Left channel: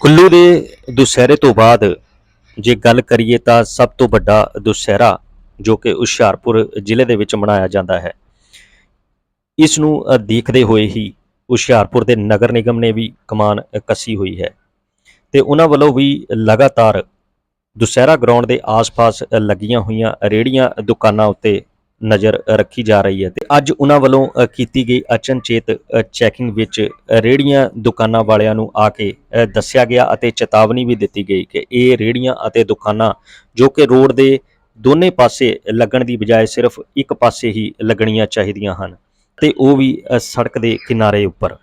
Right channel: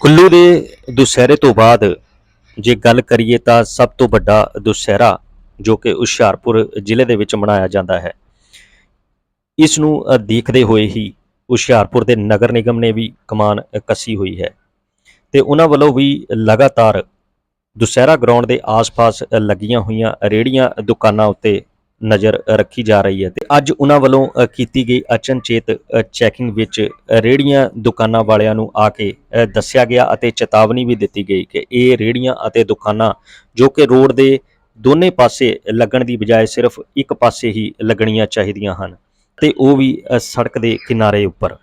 ਕੁੱਲੂ ਦੇ ਦੁਸਹਿਰੇ ਤੋਂ ਬਾਅਦ ਜੇ ਗੱਲ ਕਰੀਏ ਤਾਂ ਸਭ ਤੋਂ ਵੱਡਾ ਦੁਸਹਿਰਾ ਜੋ ਕਿ ਹੁਸ਼ਿਆਰਪੁਰ ਜ਼ਿਲ੍ਹੇ ਦੇ ਵਿੱਚ ਮਨਾਇਆ ਜਾਂਦਾ ਹੈ। ਇਸ ਨੂੰ ਦੇਖਦੇ ਹੋਏ ਹੀ ਹੁਸ਼ਿਆਰਪੁਰ ਦੇ ਨਗਰ ਨਿਗਮ ਨੇ ਵੀ ਕਮਾਨ ਕੱਸੀ ਹੋਈ ਹੈ ਤੇ ਉਹਨਾਂ ਵੱਲੋਂ ਵੀ ਲਗਾਤਾਰ ਦੁਸਹਿਰਾ ਗਰਾਊਂਡ ਦੇ ਆਸ-ਪਾਸ ਲੱਗੀਆਂ ਹੋਈਆਂ ਰੇੜੀਆਂ ਦੁਕਾਨਾਂ ਉੱਤੇ ਨਜ਼ਰ ਰੱਖੀ ਜਾ ਰਹੀ ਹੈ ਤੇ ਅੱਜ ਉਹਨਾਂ ਵੱਲੋਂ ਕੀਤੀ ਗਈ ਅਚਨਚੇਤ ਚੈਕਿੰਗ ਵਿੱਚ ਅ, ਰੇੜੀਆਂ ਦੁਕਾਨਾਂ ਵਾਲਿਆਂ ਨੂੰ ਆ ਕੇ ਦੱਸਿਆ ਗਿਆ ਅਤੇ ਚੇਤਾਵਨੀ ਵੀ ਦਿੱਤੀ ਗਈ ਕਿ ਇਹ ਰੇੜੀਆਂ ਅਤੇ ਦੁਕਾਨਾਂ ਜੋ ਕਿ ਰੋਡ ਦੇ ਦੋਨੇ ਪਾਸੇ ਲੱਗਣ ਦੀ ਬਜਾਏ ਸਿਰਫ ਇੱਕ ਪਾਸੇ ਹੀ ਲੱਗਣੀਆਂ ਚਾਹੀਦੀਆਂ ਹਨ ਤੇ ਉਹ ਵੀ ਸੜਕ ਦੇ ਕਿਨਾਰੇ ਉੱਪਰ।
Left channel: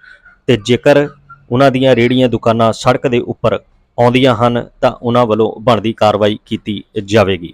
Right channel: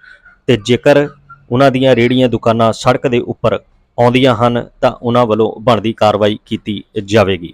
ਤੇ ਜੇਕਰ ਉਹਨਾਂ ਦੀਆਂ ਰੇੜੀਆਂ ਦੁਕਾਨਾਂ ਸੜਕ ਦੇ ਉੱਪਰ ਆਉਂਦੀਆਂ ਹਨ ਤਾਂ ਉਹਨਾਂ ਵੱਲੋਂ ਬਣਦੀ ਕਾਰਵਾਈ ਕੀਤੀ ਜਾਵੇਗੀ।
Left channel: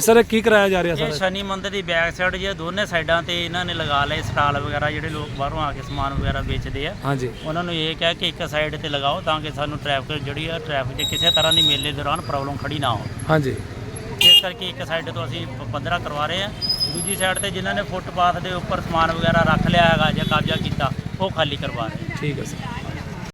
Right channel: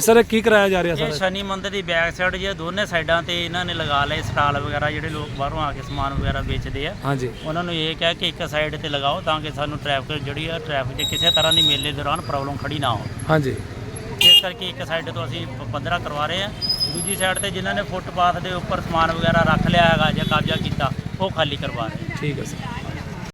ਜੀ ਸਰ ਇਹ ਕੀ ਕਰਾਇਆ ਜਾ ਰਿਹਾ ਇਹ ਸਰ? ਸ਼ਨੀ ਮੰਦਿਰ ਦੀ ਬੈਕ ਸਾਈਡ ਜੇ ਦੋਨੇ ਸਾਈਡਾਂ ਤੇ ਇਹਨਾਂ ਨੇ ਲਗਾ ਲਏ ਸਟਾਲ ਵਗੈਰਾ ਜਿਹੜੇ ਲੋਕ ਬਾਹਰੋਂ ਆ ਕੇ ਸਮਾਨ ਵਗੈਰਾ ਵੇਚਦੇ ਆ। ਹਾਂਜੀ। ਉਹਨਾਂ ਨੂੰ ਇਹ ਕਿਹਾ ਕਿ ਇੱਕ ਸਾਈਡ ਤੇ ਲਗਾਓ ਤਾਂ ਕਿ ਸਾਨੂੰ ਟ੍ਰੈਫਿਕ ਜਿਹੜੀ ਆ ਟ੍ਰੈਫਿਕ 'ਚ ਕਿਸੇ ਤਰ੍ਹਾਂ ਦੀ ਮੇਲੇ ਦੌਰਾਨ ਪ੍ਰੋਬਲਮ ਖੜੀ ਨਾ ਹੋ ਹਾਂਜੀ। ਇਸ ਕਰਕੇ ਇੱਕ ਸਾਈਡ ਤੋਂ ਅਸੀਂ ਪ- ਪੱਧਰਾ ਕਰਵਾ ਰਹੇ ਆ। ਦੂਜੀ ਸਾਈਡ ਤੇ ਜਿਨ੍ਹਾਂ ਨੇ ਫੁੱਟਪਾਥ ਦੇ ਉੱਪਰ ਸਮਾਨ ਵਗੈਰਾ ਰੱਖ ਲਿਆ ਹੈਗਾ ਜਾਂ ਕਬਜ਼ਾ ਕੀਤਾ ਉਹ ਖਾਲੀ ਕਰਵਾ ਰਹੇ ਆ। ਠੀਕ ਹੈ ਸਰ।